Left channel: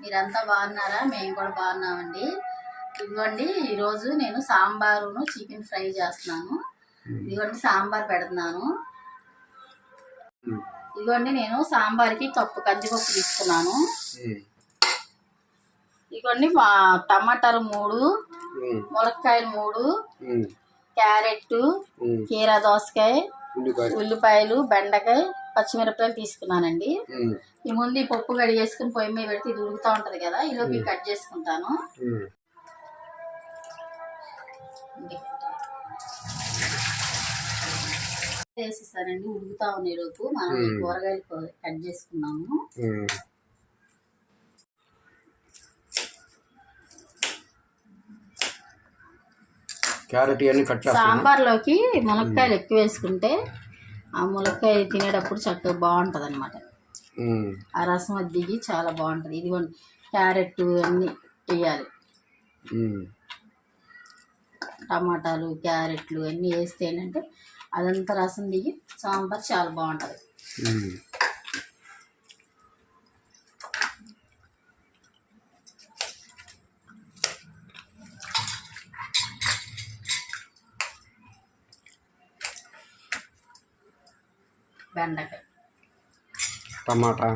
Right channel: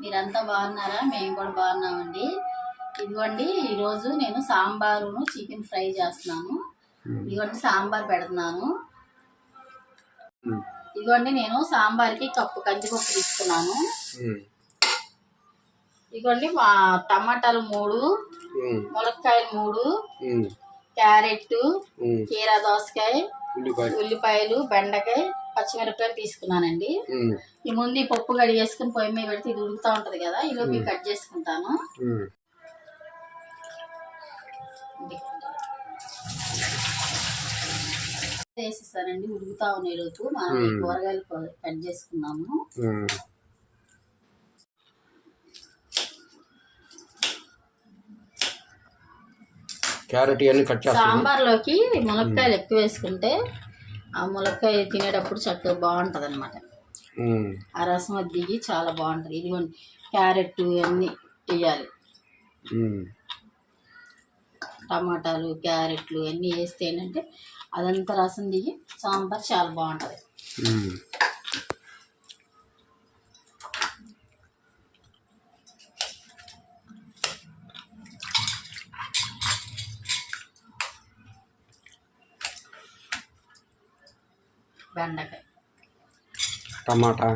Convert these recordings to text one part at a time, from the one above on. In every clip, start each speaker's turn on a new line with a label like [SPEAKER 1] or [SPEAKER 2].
[SPEAKER 1] మీరంతా బాగున్నారా మేము కూడా బాగున్నామండి ఇదిగోండి ఈరోజు నేను సాంబారును చికెన్ ఫ్రై చేస్తున్నాను ఇదిగోండి సాంబార్ పెడుతున్నాను. ఇదిగోండి నేను సాంబార్కి కప్పు కందిపప్పు తీసుకున్నాను. ఇదిగోండి మా టమాటాలు మూడు
[SPEAKER 2] ఉమ్.
[SPEAKER 1] ములక్కాయలు మూడు. క్యారెట్. కీరా దోసకాయ
[SPEAKER 2] ఉల్లిపాయ
[SPEAKER 1] ఉల్లిపాయలు బెండకాయ పచ్చిమిరపకాయలు తీసుకున్నానండి. ఈ ముందు ఈ పప్పు కడిగేసుకుని పొయ్యి మీద పెడితే ఇది ఉడుకుతా ఉంటది కదా ఈలోపు కట్ చేసుకుంటాను.
[SPEAKER 2] ఉమ్.
[SPEAKER 1] వేసిస్తానండి ఉడుకుతా ఉన్నాయి లోపు. మనం ఈ కూరగాయలు కట్ చేసుకున్నాము.
[SPEAKER 2] ఉమ్. క్యారెట్ ఇవన్నీ కట్ చేస్తాను
[SPEAKER 1] సాంబార్లోకి ములక్కాయలు ఎక్కువ వేసుకుంటే ఆ ములక్కాయ తినేటప్పుడు చక్కగా బాగుంటుంది అనమాట. ఆ రసం అది దిగి చాలా బాగుంటుంది. ఇదిగోండి క్యారెట్ అన్నీ వేయాలి. టమాటాలు క్యారెట్లు అన్నీ వేస్తే ఏంటంటే అదంతా రసం దిగి సాంబార్ చాలా బాగుంటుంది
[SPEAKER 2] ఉమ్.
[SPEAKER 1] బెండకాయ
[SPEAKER 2] టమాటా.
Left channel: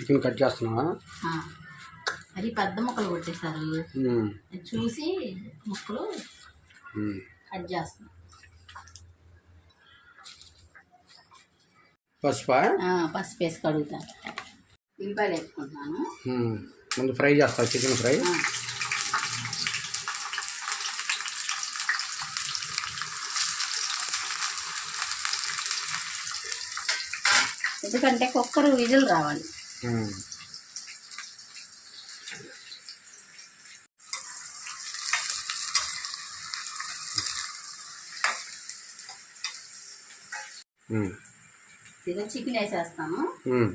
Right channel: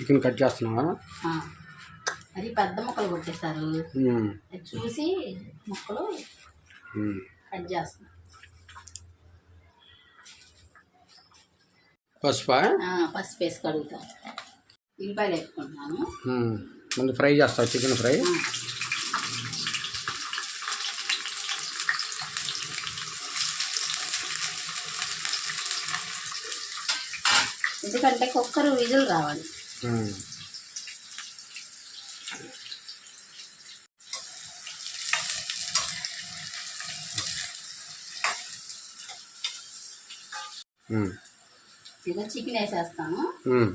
[SPEAKER 2] చికెన్ కట్ చేస్తున్నావా.
[SPEAKER 1] అది పెద్ద ముక్కలు కొట్టేశారు. చూసి ముక్కలు. కట్ చేస్తున్నా.
[SPEAKER 2] పసుపా?
[SPEAKER 1] పసుపు వేసి కడుగుతాను ఉల్లిపాయలు వేసుకుంటున్నాను.
[SPEAKER 2] ముందు ఫ్రై చేస్తావు చికెన్ ఫ్రై.
[SPEAKER 1] ఎందుకంటే కుక్కర్ విజిల్ రావాలి. చికెన్ వేసేస్తాను
[SPEAKER 2] ఉమ్.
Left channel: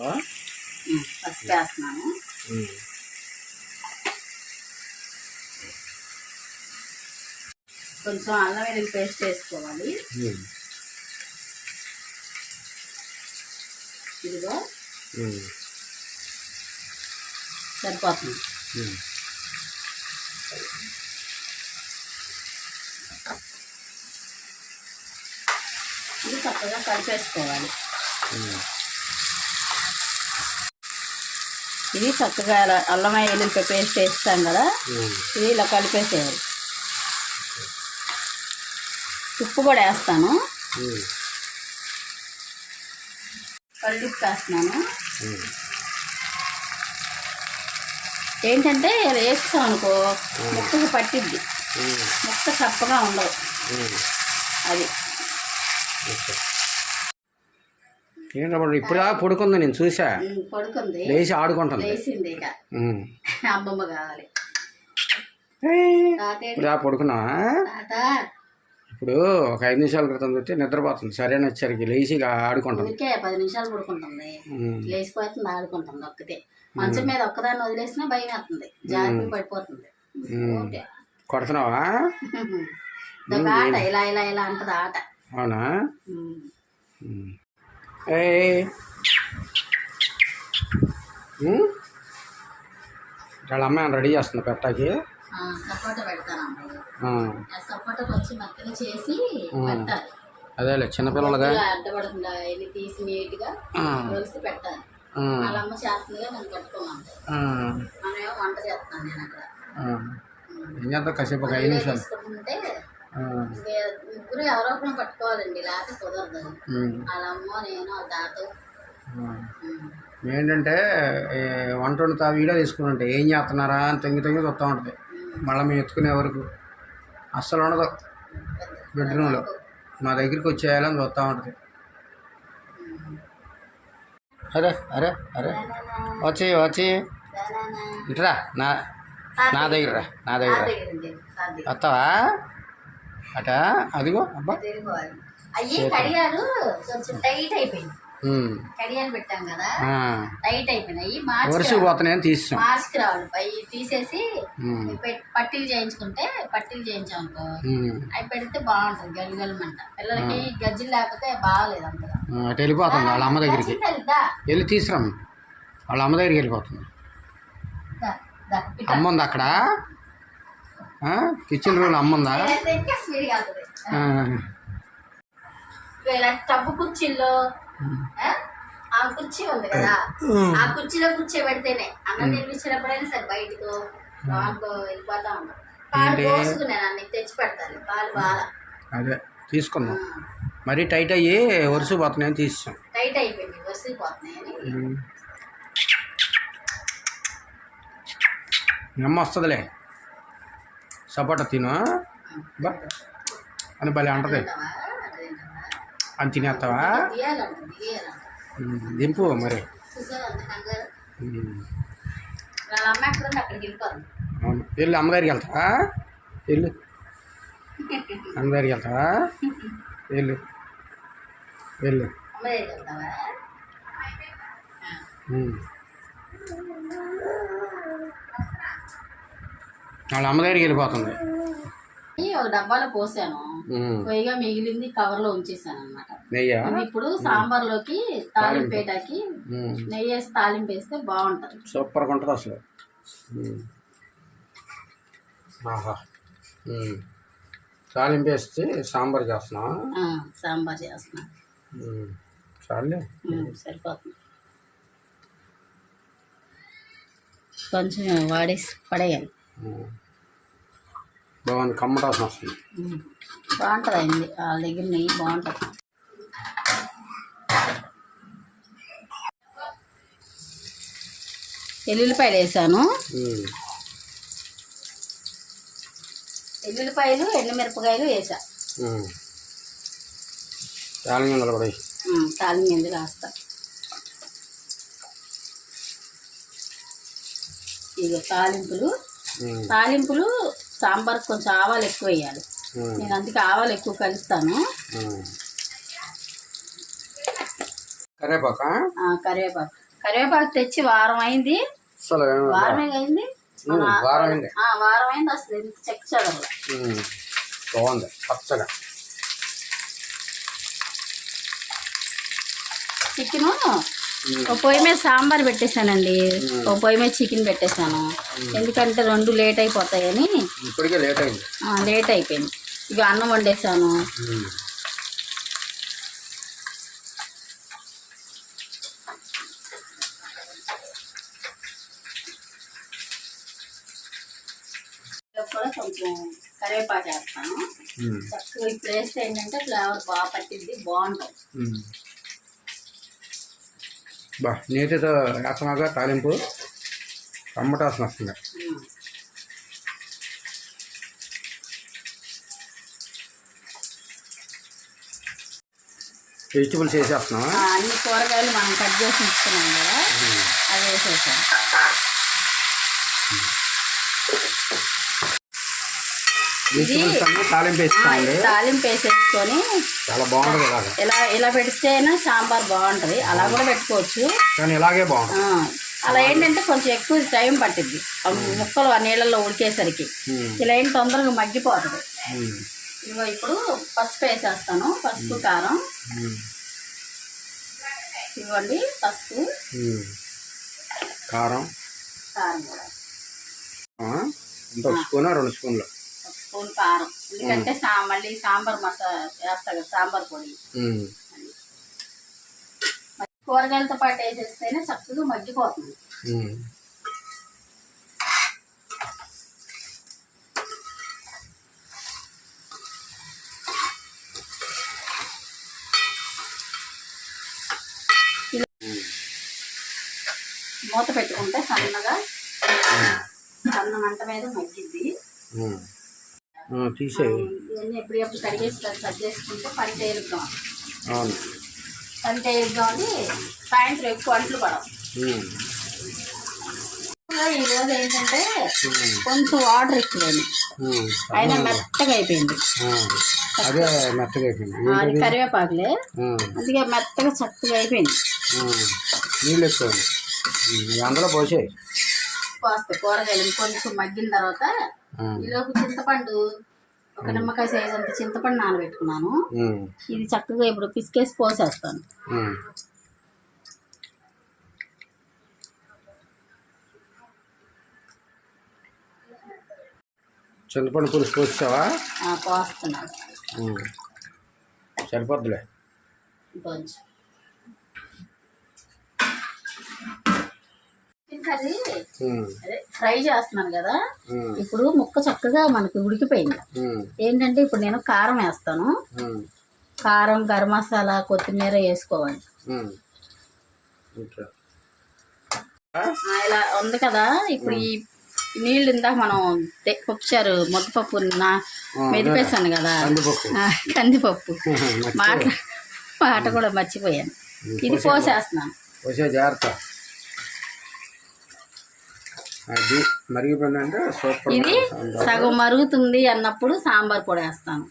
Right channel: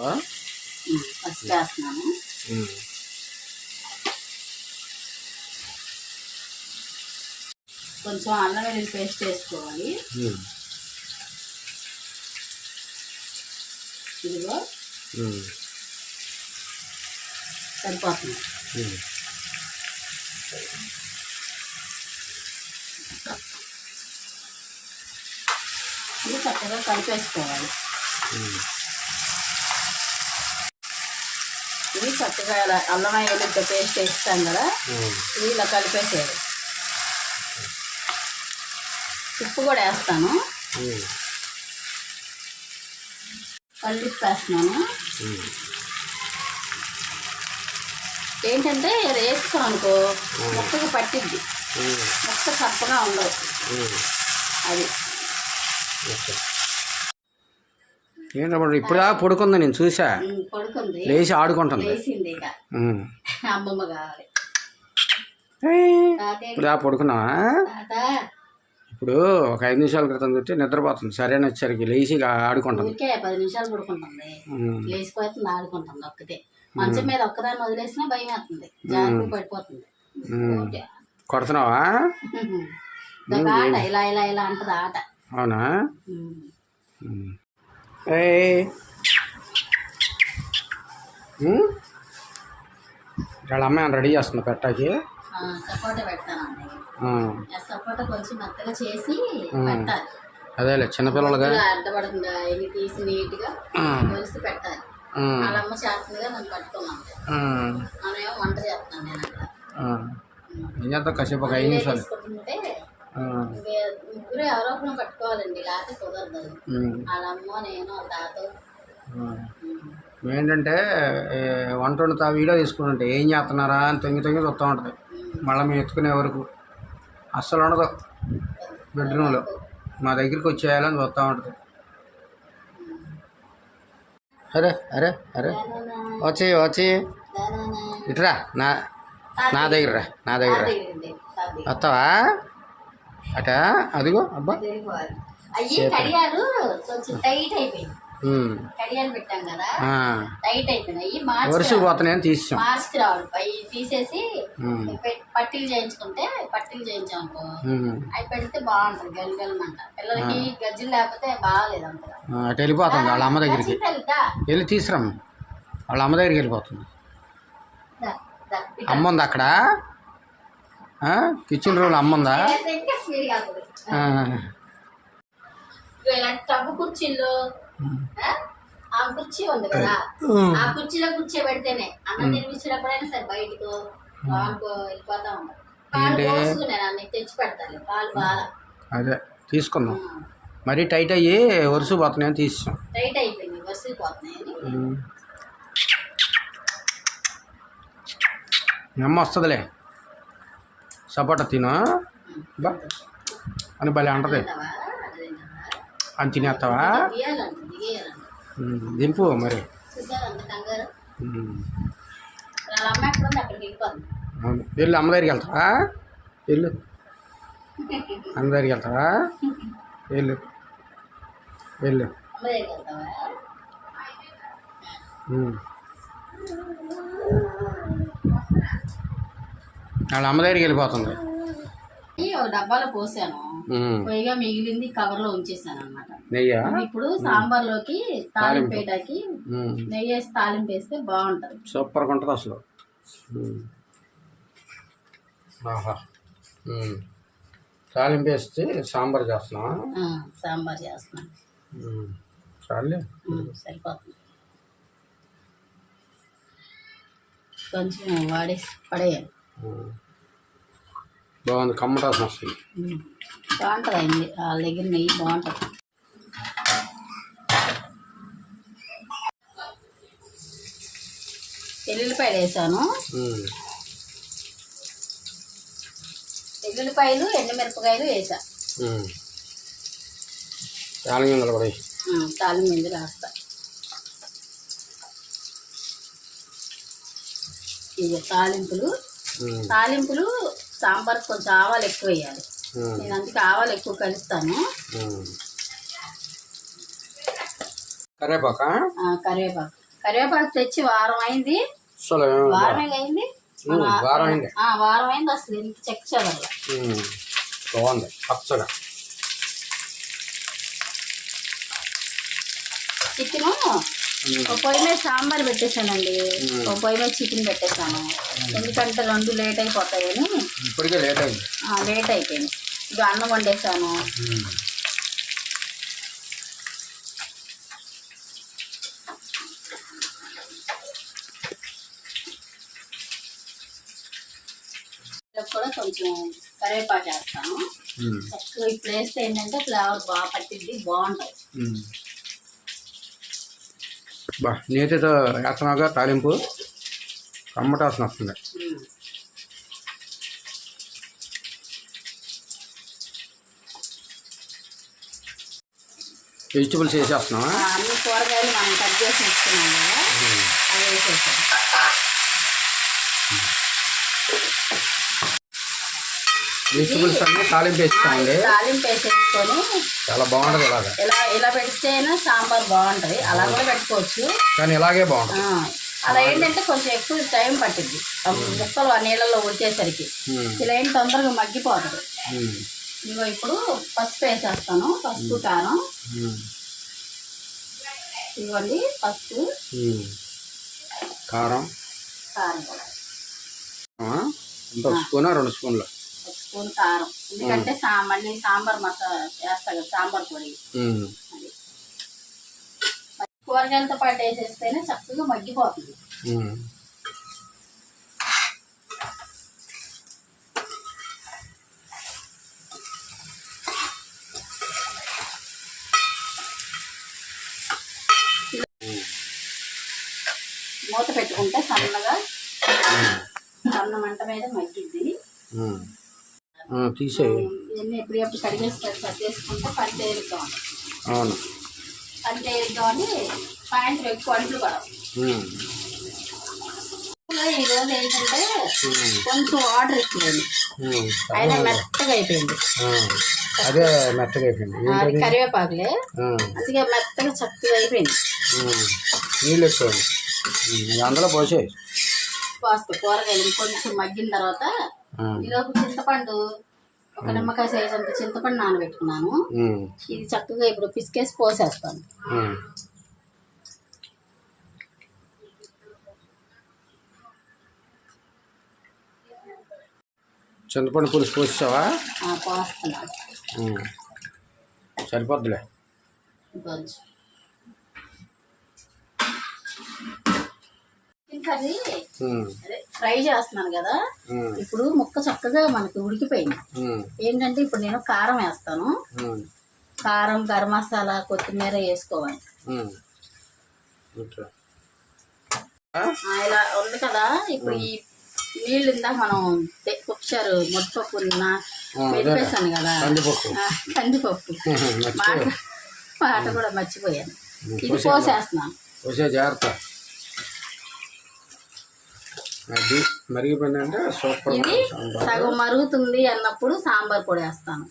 [SPEAKER 2] ఆ?
[SPEAKER 1] ఉమ్, పసుపు వేస్తున్నాను
[SPEAKER 2] ఉమ్.
[SPEAKER 1] కొంచెం అల్లం వెల్లుల్లి పేస్ట్ వేసుకోవాలి. ఇదిగో. సరిపోతుంది. ఇది చక్కగా కలిపేసుకోవాలి. ఇది చక్కగా ఇలా అల్లం వెల్లుల్లి పేస్ట్ వేస్తాం కదా. ఇది ఇలా కలిపేసేయాలి ఉప్పు కూడా వేస్తాను. ఉప్పు వేస్తున్నాను. ఏంటంటే వేస్తాం అనుకో ముక్కకు పట్టిద్ది. ముక్క చప్పగా ఉండవు. అది.
[SPEAKER 2] ఏంటప్పుడు ఇప్పుడా పడుకుంది నేను చూసా?
[SPEAKER 1] పడుకుంది.
[SPEAKER 2] లేచి ఆడుకుంటుంది.
[SPEAKER 1] లేచింది ఇక.
[SPEAKER 2] ఉమ్.
[SPEAKER 1] అమ్మమ్మ కావాలి.
[SPEAKER 2] ఇప్పుడు పడుకున్నావా? ఇప్పుడు ఒక ఐదు నిమిషాల క్రితం చూస్తే నిద్రపోతుంది. సరైన వచ్చరికి లేచి ఆడుకుంటుంది.
[SPEAKER 1] పది నిమిషాలు పడుకుంటుంది. లేచిపోతుంది ఆడుకుంటుంది ఒక్కతే. మంచం మీద ఒక్కదాన్ని వదిలేసినా భయం వేస్తుంది జాగ్రత్త పడిపోతుంది. ఓకే.
[SPEAKER 2] కొడుతున్నావా?
[SPEAKER 1] ఇదొక ఆట ఇలా ఇలా ఇలా అంటది ఆట.
[SPEAKER 2] అవునా?
[SPEAKER 1] ఉమ్.
[SPEAKER 2] వాళ్ళ అమ్మాయి రెడీ చేస్తుంది పెట్టాకి?
[SPEAKER 1] సపోటా
[SPEAKER 2] ఆ.
[SPEAKER 1] సపోటా కొంచెం మెత్తగా చేసి పెట్టాలి
[SPEAKER 2] అదేలే చిన్నపిల్లలుగా
[SPEAKER 1] అడ్డపడకుండా ఇవి తీసి నీట్గా. కలిసి పెట్టాలి. వాళ్ళ అమ్మ చేస్తుందిగా పట్టుకోమంటే. మనమేమో వంట చేస్తున్నాను నేను అక్కడ
[SPEAKER 2] ఆ. ఏం చేద్దాం కాసేపు ఒక ఐదు నిమిషాలు
[SPEAKER 1] తీసుకుంటుంటే
[SPEAKER 2] ఆ.
[SPEAKER 1] ఇంకే ముగ్గురు ఎవరో ఒకరు పట్టుకోవాలండి లేకపోతే కుదరదు. వాళ్ళ అమ్మ నేను వాళ్ళ తాత.
[SPEAKER 2] ఏంటంటే వంట వండుతా వీడియో తీసుకుంటుంటే ఏం చేస్తున్నారా అని తొంగి తొంగి చూస్తూ ఉంటుంది మళ్ళీ మేము ఎత్తుకునే వరకు అస్సలు ఉండదు. బెడ్రూమ్లో. మా దగ్గరికి వచ్చేయాలని చూస్తూ ఉంటుంది. అరే అరే అరే. వచ్చి వచ్చి. ఇట్రా నా నా దగ్గర రా, నా దగ్గర రా. వస్తావా? అట అదిగో అబ్బా.
[SPEAKER 1] అయ్యి కడియాలు కొంచెం టైట్ అయిపోయింది. కడియాలు పెట్టాం కదా. టైట్ అయిపోయినాయి. మార్చి
[SPEAKER 2] పోతున్నాయని తీసాం
[SPEAKER 1] మార్చికి రావాలి. అవి తీసేసి పట్టీలు చేయించుకుంటే పట్టీలు చేయించాం అనుకో. అవి పెడితే బాగుంటుంది గల్గలమంట. పిల్లలకి గజ్జలు లేకపోతే బాగాలేదు అంతగా.
[SPEAKER 2] అటు వెళ్ళిపోతుంది వాళ్ళ అమ్మ దగ్గరికి. వెళ్ళి తీసుకురామ్ వాళ్ళ అమ్మ దగ్గరికి వెళ్ళిపోతుంది. అమ్మ ఉంది అక్కడ? కిచెన్ రూమ్ అమ్మ ఉందా?
[SPEAKER 1] అయితే ఇంకా స్పీడ్గా వెళ్తుంది
[SPEAKER 2] ఆ.
[SPEAKER 1] ఇగో ఇలా టబ్బు కుర్చీల్లో ఆ? కుర్చీ ఉంది కదా. ఆ. కుర్చీలో కూర్చో పెడితేనే అన్నం తినిపించినప్పుడైనా సరే బయటకు లోపలికో వెళ్ళిపోతా ఉంటాం. పాలు? పోసుకున్నాను అన్ని తెచ్చి పెడతాను. పాలు బాగా.
[SPEAKER 2] అదే తీసుకుందాం. మరీ టైట్ అయ్యి వరుస పోతున్నాయని తీసాం
[SPEAKER 1] టైట్ అయిపోయింది వరిసిపోతున్నాయని
[SPEAKER 2] ఉమ్. మీ అమ్మ వస్తుందిలే. సపోటా తిను బా. అని భలే అంటది? అని తినేస్తావా దింపు మరి. అవును వెళ్ళు అమ్మ దగ్గరికి వెళ్తావా? వెళ్ళు. అమ్మ దగ్గరికి వెళ్తావా? వెళ్ళు. వెళ్ళు. వాళ్ళ అమ్మ దగ్గరికి వెళ్ళిపోతుంది.
[SPEAKER 1] డబ్బాలో పోసాను. పైగా మిగిలింది కవర్లో ఉంచేసాను అనమాట ఇప్పుడు సాంబార్లోకి తాలింపు. వేయటానికి
[SPEAKER 2] ఉమ్.
[SPEAKER 1] నెయ్యి వేసి తాలింపు వేస్తే బాగుంటది.
[SPEAKER 2] సూపర్గా ఉంటుంది అసలు. తాలింపు వేస్తే సాంబార్ చేస్తున్నావా?
[SPEAKER 1] ఆ, సాంబార్ చేస్తున్నా.
[SPEAKER 2] చాలే
[SPEAKER 1] సరిపోతుంది. కొంచెం వాడేసి పడేయాలి.
[SPEAKER 2] బాగుంది కమ్మటాసం వస్తుంది
[SPEAKER 1] బాగుంటుంది వాళ్ళ దగ్గర నెయ్యి బాగుంటుంది. ఎల్లుల్లిపాయలు వేసాను. ఎల్లుల్లిపాయలు ఎండుమిరపకాయలు వేసా.
[SPEAKER 2] తాలింగలు కూడా
[SPEAKER 1] గింజ రాస్తా. ఇక తాలింపులు. తాలింపులు సాంబార్ కొంచెం ఆవాలు ఎక్కువ వేయాలి. నేను అందుకే ఆవాలు ఎక్కువ కలుస్తాను కరివేపాకు? కరివేపాకు. తెచ్చి వారం అయింది. వారమే అయింది.
[SPEAKER 2] వారం అయింది.
[SPEAKER 1] వారం అయింది అసలు ఎంత
[SPEAKER 2] ఉమ్. బాగుంది. పచ్చగా
[SPEAKER 1] చికెన్ ఒక పొయ్యి మీద సాంబార్ పెట్టేశానండి. ఒక పొయ్యి మీద చికెన్ పెట్టేశాను. ఎందుకంటే రెండు లేట్ అయిపోతాయని.
[SPEAKER 2] ఇప్పటికే లేట్ అయింది.
[SPEAKER 1] లేట్ అయిపోయింది. ఇక అన్నం. ఇలా కూడా కొంచెం కరివేపాకు వేస్తాను. చక్కగా ఇప్పుడు వేస్తే ఏంటంటే ఫ్లేవర్ బాగా పట్టింది బాగుంటుంది.
[SPEAKER 2] బా నేతితో వేస్తున్నాగా తాలింపు. కమ్మటాసం వస్తుంది. వెజిటబుల్స్ వేసేస్తున్నావా
[SPEAKER 1] అన్ని కూరగాయలు మనం కట్ చేసి ఇస్తున్నాం కదా అవి వేసేసాను
[SPEAKER 2] వెజిటబుల్స్ అన్నీ తాలింపు వేస్తామండి
[SPEAKER 1] తాలింపు వేసేసుకొని
[SPEAKER 2] చాలా బాగుంటుంది ఇలాగ.
[SPEAKER 1] ఇలా ఇలా పెడితేనే సాంబార్ బాగుంటుంది. అలా కూడా పెట్టుకోవచ్చు.
[SPEAKER 2] కానీ ఇలాగే బాగుంటుంది.
[SPEAKER 1] అలా ఏంటంటే కొంచెం ఎక్కువ టైం పట్టింది ముక్కలు ఆ నీళ్ళల్లో ఉడికేసరికి. ఇలా ఏం తొందరగా మగ్గిపోతుంది. ఇదిగో ఇప్పుడు పసుపు వేసేస్తాను. పసుపు కారం. ఇవ్వండి పసుపు.
[SPEAKER 2] కారం.
[SPEAKER 1] కారం కూడా.
[SPEAKER 2] ఒక స్పూనా రెండు స్పూన్లు.
[SPEAKER 1] ఒక స్పూన్ కారం. ఎందుకంటే సా మళ్ళీ సాంబార్ మసాలా వేస్తా కదా సాంబార్ పొడి. కూరగాయలతో పాటు వేసేస్తేనే చక్కగా మగ్గిపోతుంది. మూత పెట్టుకుంటే సన్నగా సన్న మంట మీద మగ్గిద్ది. ఇవన్నీ ఎప్పుడెప్పుడు కడిగేసి కట్ చేసుకుంటే పని సాయంత్రం ఎక్కువ అంట్లు పడవు
[SPEAKER 2] ఉమ్.
[SPEAKER 1] ఈ రోజు ఏంటంటే. కొంచెం వాటర్. అయినా మెత్తగా అయిపోయింది.
[SPEAKER 2] అదే మెత్తగా అయిపోయింది
[SPEAKER 1] కరివేపాకులే. అందుకే మెత్తగా చక్కగా అయిపోయింది.
[SPEAKER 2] నీళ్ళు ఎక్కువ అందులో పోసేయి
[SPEAKER 1] పోస్తే కూరగాయలు కొంచెం మగ్గిన తర్వాత. ఈలోపు చింతపండు ఒక నిమ్మకాయ సైజ్ అంత చింతపండు నానబెట్టుకున్నాను. ఇది చక్కగా ఇప్పుడు పిసికేసి పోసేస్తాను.
[SPEAKER 2] చింతపండు పులుసు పోసావా
[SPEAKER 1] పోస్తున్నాను.
[SPEAKER 2] ఉమ్. సరిపోద్దులే.
[SPEAKER 1] కొంచెం కర్రీ. అదే ఫ్రై చేస్తున్నాను కదా. ఇప్పుడు ముక్క చక్కగా మనకి ఉడికిపోయింది. ఏంటంటే ఇప్పుడు నేను కారం వేస్తాను. కారం గరం మసాలా కొత్తిమీర వేసుకోవాలి. ఇలా ఉంది కదా. ఇప్పుడు ఈ నీళ్ళు ఇందాక మనం పప్పుచారు ముద్దపప్పు నా
[SPEAKER 2] ఆ,
[SPEAKER 1] మెదిపేసాను కదా.
[SPEAKER 2] కందిపప్పు.
[SPEAKER 1] మాట మాట కూడా మర్చిపోయాను. ఇది పోసేస్తున్నాను
[SPEAKER 2] జాగ్రత్త. అది మరిగిపోయిందంటే సూపర్
[SPEAKER 1] ఇది సగం మరుగుతుంది అన్నప్పుడు సాంబార్ పొడి వేస్తాను.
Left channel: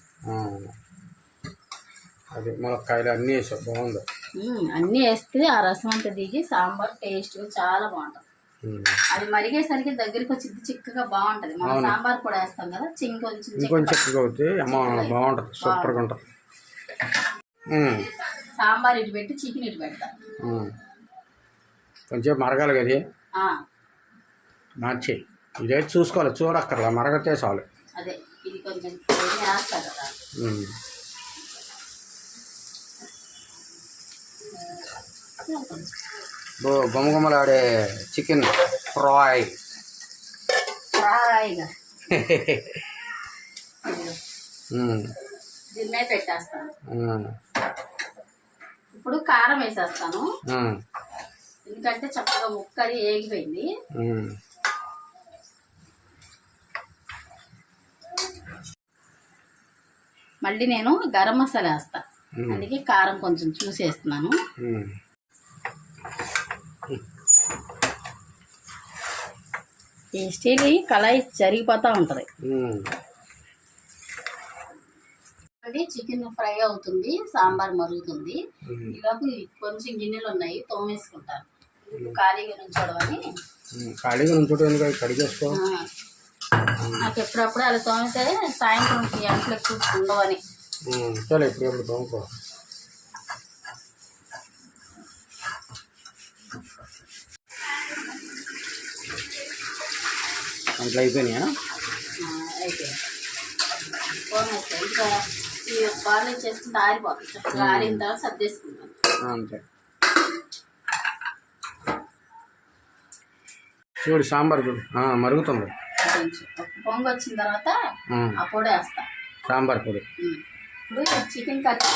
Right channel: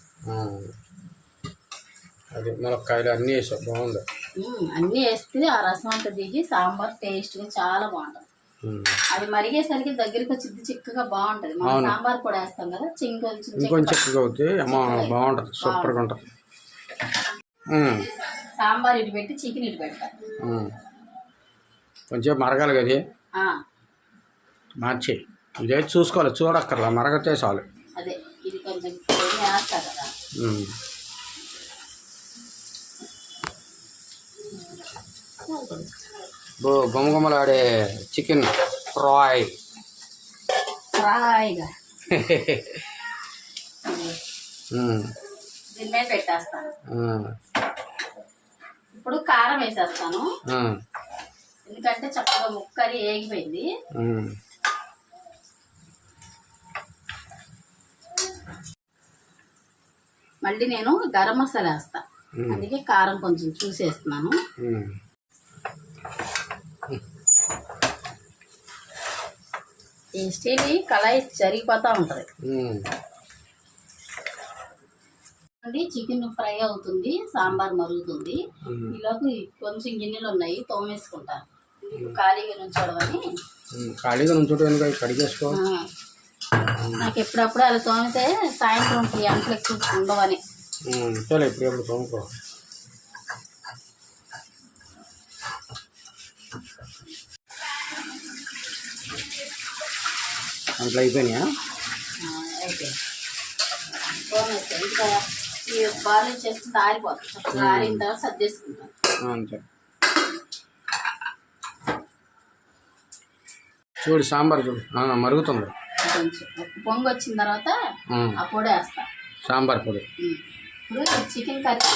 [SPEAKER 2] అది ములక్కాయలు అన్నీ వేసావు బాగుంది.
[SPEAKER 1] అన్నీ వేస్తే ఆ రసం అంతా దిగి సాంబార్ టేస్ట్గా చాలా బాగుంటుంది. అది మరిగేసరికి దగ్గరికి వచ్చి చిక్కగా బాగుంటది. మనం సాంబార్ పొడి వేస్తాం కదా చింగ్ కొంచెం చిక్క-
[SPEAKER 2] ఇంకొంచెం చిక్కగా అమ్మ బాగుంటుంది సూపర్గా ఉంటుంది.
[SPEAKER 1] సాంబార్ ఇటు పెట్టి చికెన్ ఇటు పెడతా.
[SPEAKER 2] ఉమ్. కొంచెం మరగాలి కదా. మార్చి. ఇదే చూసుకోవాలి చూడక్కర్లా మరగతే చాలు
[SPEAKER 1] అదే ఇది కొంచెం కదా.
[SPEAKER 2] గుమగుమలాడే చికెన్ ఫ్రై.
[SPEAKER 1] ఫ్రైగా.
[SPEAKER 2] ఉమ్.
[SPEAKER 1] దీని మీద పెట్టేస్తాను. ఇప్పుడు కారం వేసేస్తాను. ఎందుకంటే చక్కగా ముక్కది ఏగిపోయింది. మళ్ళీ నేను గరం మసాలా వేస్తా. అందుకే కారం కొంచెం చూసేస్తున్నాను స్టీల్ కళాయి జరిగిపోతూ ఉంటుంది. అది చికెన్ ఫ్రై అవుతుంది సాంబార్ మరుగుతుంది. ఈలోపు కొంచెం గిన్నెలు ఉన్నాయి తోమేసుకుంటాను. ఖాళీగా నుంచోడమని.
[SPEAKER 2] ఖాళీగా అవి కడిగేసుకో.
[SPEAKER 1] నాకు ఎప్పుడప్పుడు అలా తోమితే సాయంత్రం అంట్లు ఎక్కువ ఉండవని.
[SPEAKER 2] ఇప్పుడు ఎప్పుడు తోముకో. అంట్లో అయిపోయినాయా?
[SPEAKER 1] ఈ బార్లు చేసుకుంటే ఆరిపోతుంది. చక్కగా ఆరిన తర్వాత
[SPEAKER 2] అంతే. చూడు సాంబార్ చూడు. మరుగుతుంది.
[SPEAKER 1] కొంచెం. పొంగు వచ్చిన తర్వాత. ఆ పొడి వేస్తా.
[SPEAKER 2] సాంబార్ పొడి.
[SPEAKER 1] ఇప్పుడు chicken curry.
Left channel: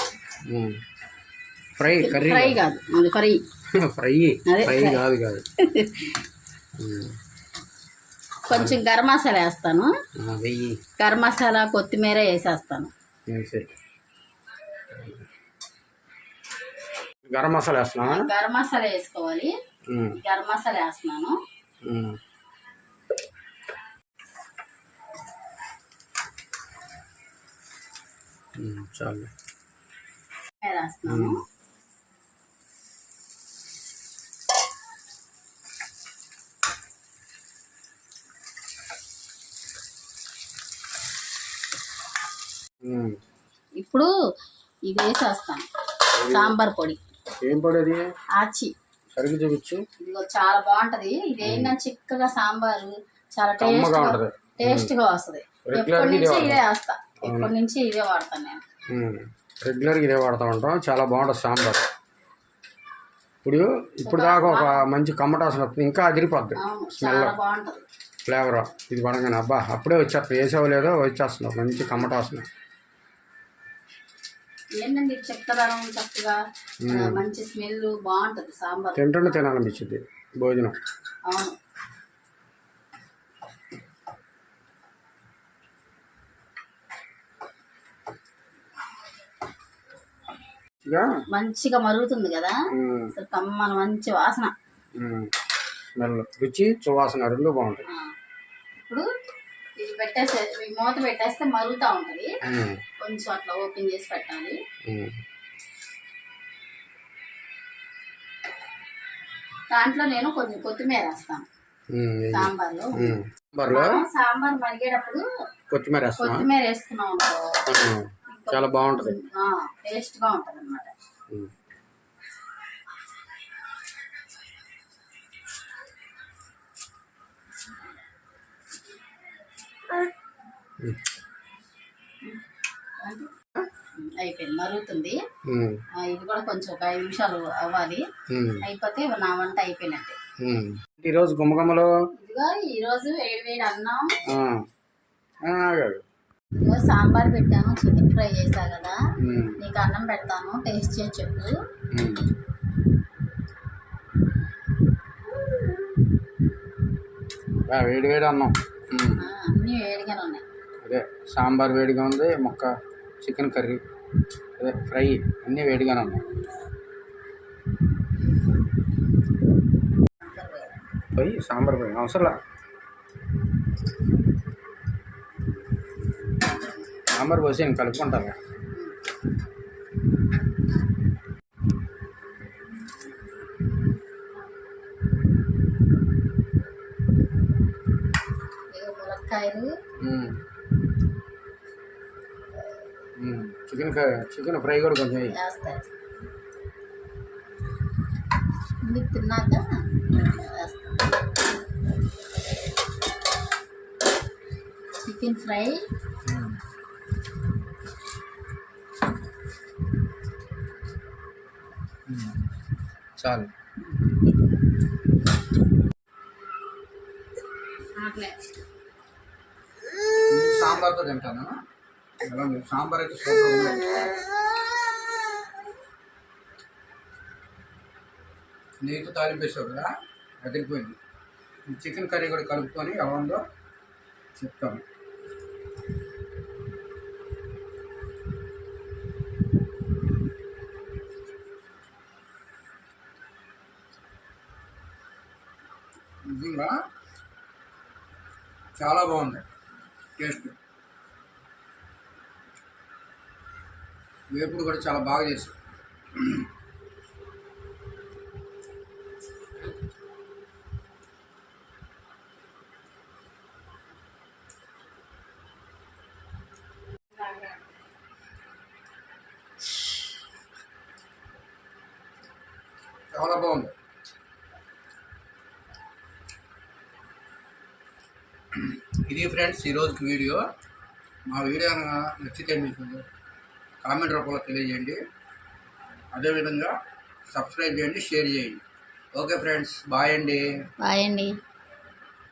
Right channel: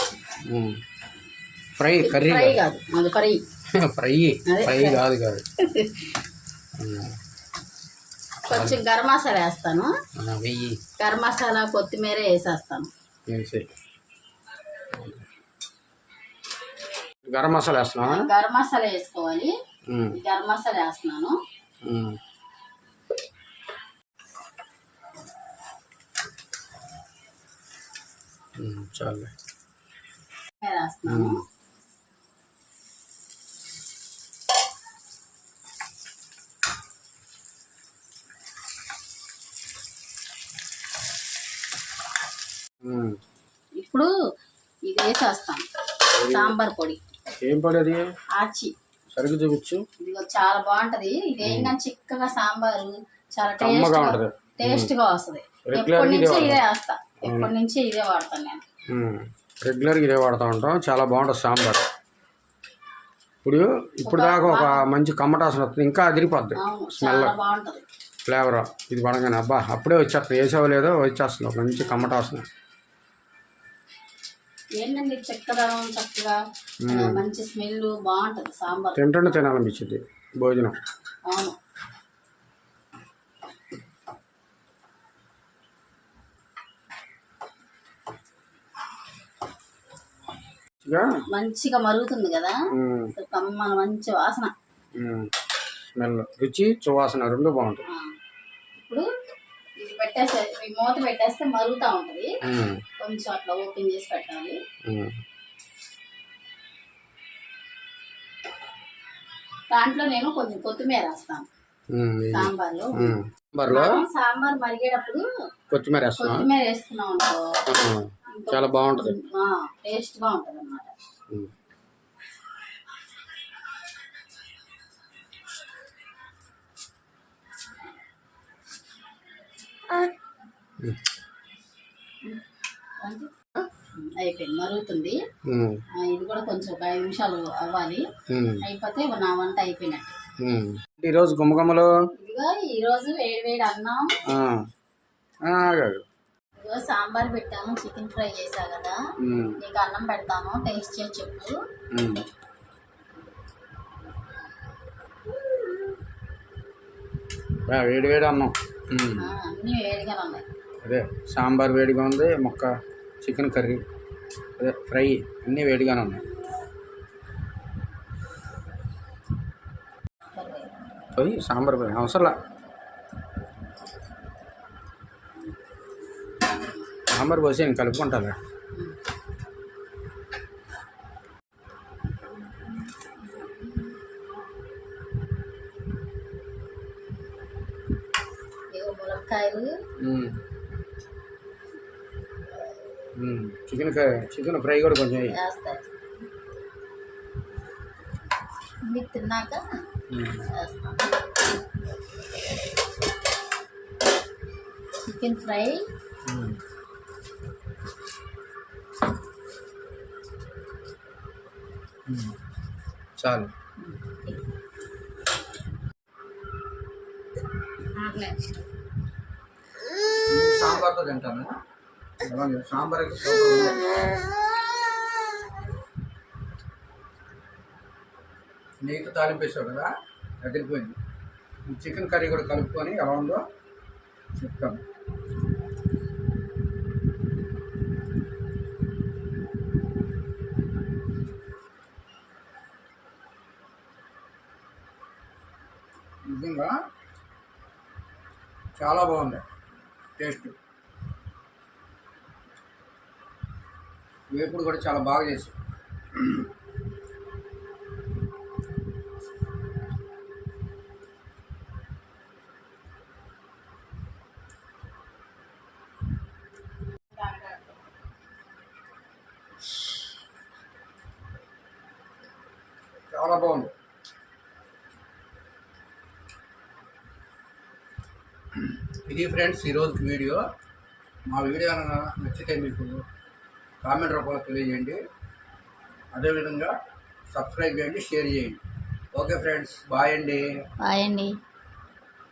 [SPEAKER 2] Fry curry
[SPEAKER 1] fry కాదు. అది ఫ్రై
[SPEAKER 2] ఫ్రై. ఫ్రై కాదు కాదు.
[SPEAKER 1] కొంచెం గరం మసాలా వేస్తాను.
[SPEAKER 2] వెయ్యి.
[SPEAKER 1] గరం మసాలా కొత్తిమీర వేసేస్తాను.
[SPEAKER 2] గరం మసాలా వేస్తున్నావా?
[SPEAKER 1] గరం మసాలా వేసుకోవాలి. గరం మసాలా వేస్తున్నాను. ఇప్పుడు ఇది వేసేస్తాను సాంబార్ పొడి.
[SPEAKER 2] ఏం పడేది
[SPEAKER 1] ఆచి.
[SPEAKER 2] సరిగ్గా చూపించు.
[SPEAKER 1] ఇదిగో చాలా బాగుంటది. ఇది ఏంటంటే చిక్కగా సాంబారు. చాలా టేస్ట్
[SPEAKER 2] ఉంటది.
[SPEAKER 1] టేస్ట్గా వస్తది. ఎప్పటి
[SPEAKER 2] గా ఇదే
[SPEAKER 1] నుంచి ఇదే వేస్తా ఎప్పటి నుంచి ఇదే వాడతాను నేను.
[SPEAKER 2] ఉమ్. రెగ్యులర్గా ఇదే వాడుతూ ఉంటాం. చాలా బాగుంటుంది సాంబార్. ఇప్పుడు ఇప్పుడు దాకా ఒక మంచి కమ్మటాసన వస్తుంది. ఇంకా అదిరిపోద్ది.
[SPEAKER 1] బాగుంటది.
[SPEAKER 2] ఫ్లేవర్ ఇది పడగానే అబ్బా అప్పుడే వచ్చేస్తుంది. వేసావు లేదో వచ్చేస్తుంది ఒక మంచి కమ్మటాసన.
[SPEAKER 1] ఏంటండి చెక్కదనం చక్కగా ఆ, మంచి స్మెల్ బాగుంటది సాంబార్.
[SPEAKER 2] తింటుంటే తినాలనిపించింది భోజనం.
[SPEAKER 1] అవును.
[SPEAKER 2] మంచిగా?
[SPEAKER 1] మరుగుతుంది కదా. కమ్మల మంచి వాసన.
[SPEAKER 2] స్మెల్ రుచి సువాసన రెండు బాగుంటాయి.
[SPEAKER 1] ఆ. ఇప్పుడు ఇది పెట్టేస్తే మూత పెట్టేస్తే మరుగుతూ ఉంటుంది. కొంచెం అట్లా ఓపెన్ చేసి పెట్టాలి. దాంట్లో నేను కొంచెం కొత్తిమీర వేస్తాను. సాంబార్లో.
[SPEAKER 2] సాంబార్లో?
[SPEAKER 1] సాంబార్ మరిగేటప్పుడు
[SPEAKER 2] కొత్తిమీర వేస్తున్నాం
[SPEAKER 1] కొత్తిమీర వేసుకున్నాం అనుకో.
[SPEAKER 2] చాలా బాగుంటుంది
[SPEAKER 1] టేస్ట్గా ఉంటది అనమాట
[SPEAKER 2] ఉమ్.
[SPEAKER 1] అయిపోయింది మరుగుతుంది. ఇది కూడా కొంచెం ఒక ఐదు నిమిషాలు అవ్వాలి. అయిపోతే నా వంట అయిపోయినట్టే.
[SPEAKER 2] ఉమ్. ఈరోజు గుమ్మగుమ్మలు?
[SPEAKER 1] ఇదిగో ఈ రోజు వేడి వేడి అన్నం. ఇదిగో సాంబార్ పెట్టాను చికెన్ ఫ్రై చేసా కదా. నీకు అన్నం పెడతాను టేస్ట్ చేసి చెప్పు.
[SPEAKER 2] వేడి వేడి అన్నం.
[SPEAKER 1] అన్నీ వేడిగానే ఉన్నాయి.
[SPEAKER 2] అదే సాంబార్ వేడిగా ఉంది మొక్క చికెన్ కర్రీ అదే ఫ్రై అన్నీ వేడిగానే ఉన్నాయి.
[SPEAKER 1] పోయి.
[SPEAKER 2] సాంబార్ పోయి అవసరంలా. సాంబార్ పోసి నేను కలుపుకుంటాను
[SPEAKER 1] ములక్కాయలు.
[SPEAKER 2] చికెన్ చికెన్ ఫ్రై కూడా కొంచెం వేయి.
[SPEAKER 1] వేస్తాయి మీకు తిన్నాక చికెన్ ఫ్రై.
[SPEAKER 2] చాలు. సాంబార్తో తింటాను. ఎలా సాంబార్ అయితే సూపర్ ఉంది. నెయ్యితో కదా అదిరిపోయింది. చికెన్ కర్రీ కూడా కలుపుకొని ఎలా ఉందో చెప్తాను. చాలా బాగుంది. టేస్ట్. వేపుడు కూడా చాలా బాగా చేసి చాలా బాగుంది. ఇది ఫ్రెండ్స్ ఈరోజుకి వీడియో. మా వీడియో నచ్చితే మీకు కామెంట్ రూపంలో తెలియజేయండి. అదేవిధంగా సబ్స్క్రైబ్ చేయండి షేర్ చేయండి. ఓకే ఫ్రెండ్స్ బాయ్ అండి.
[SPEAKER 1] బాయ్ అండి.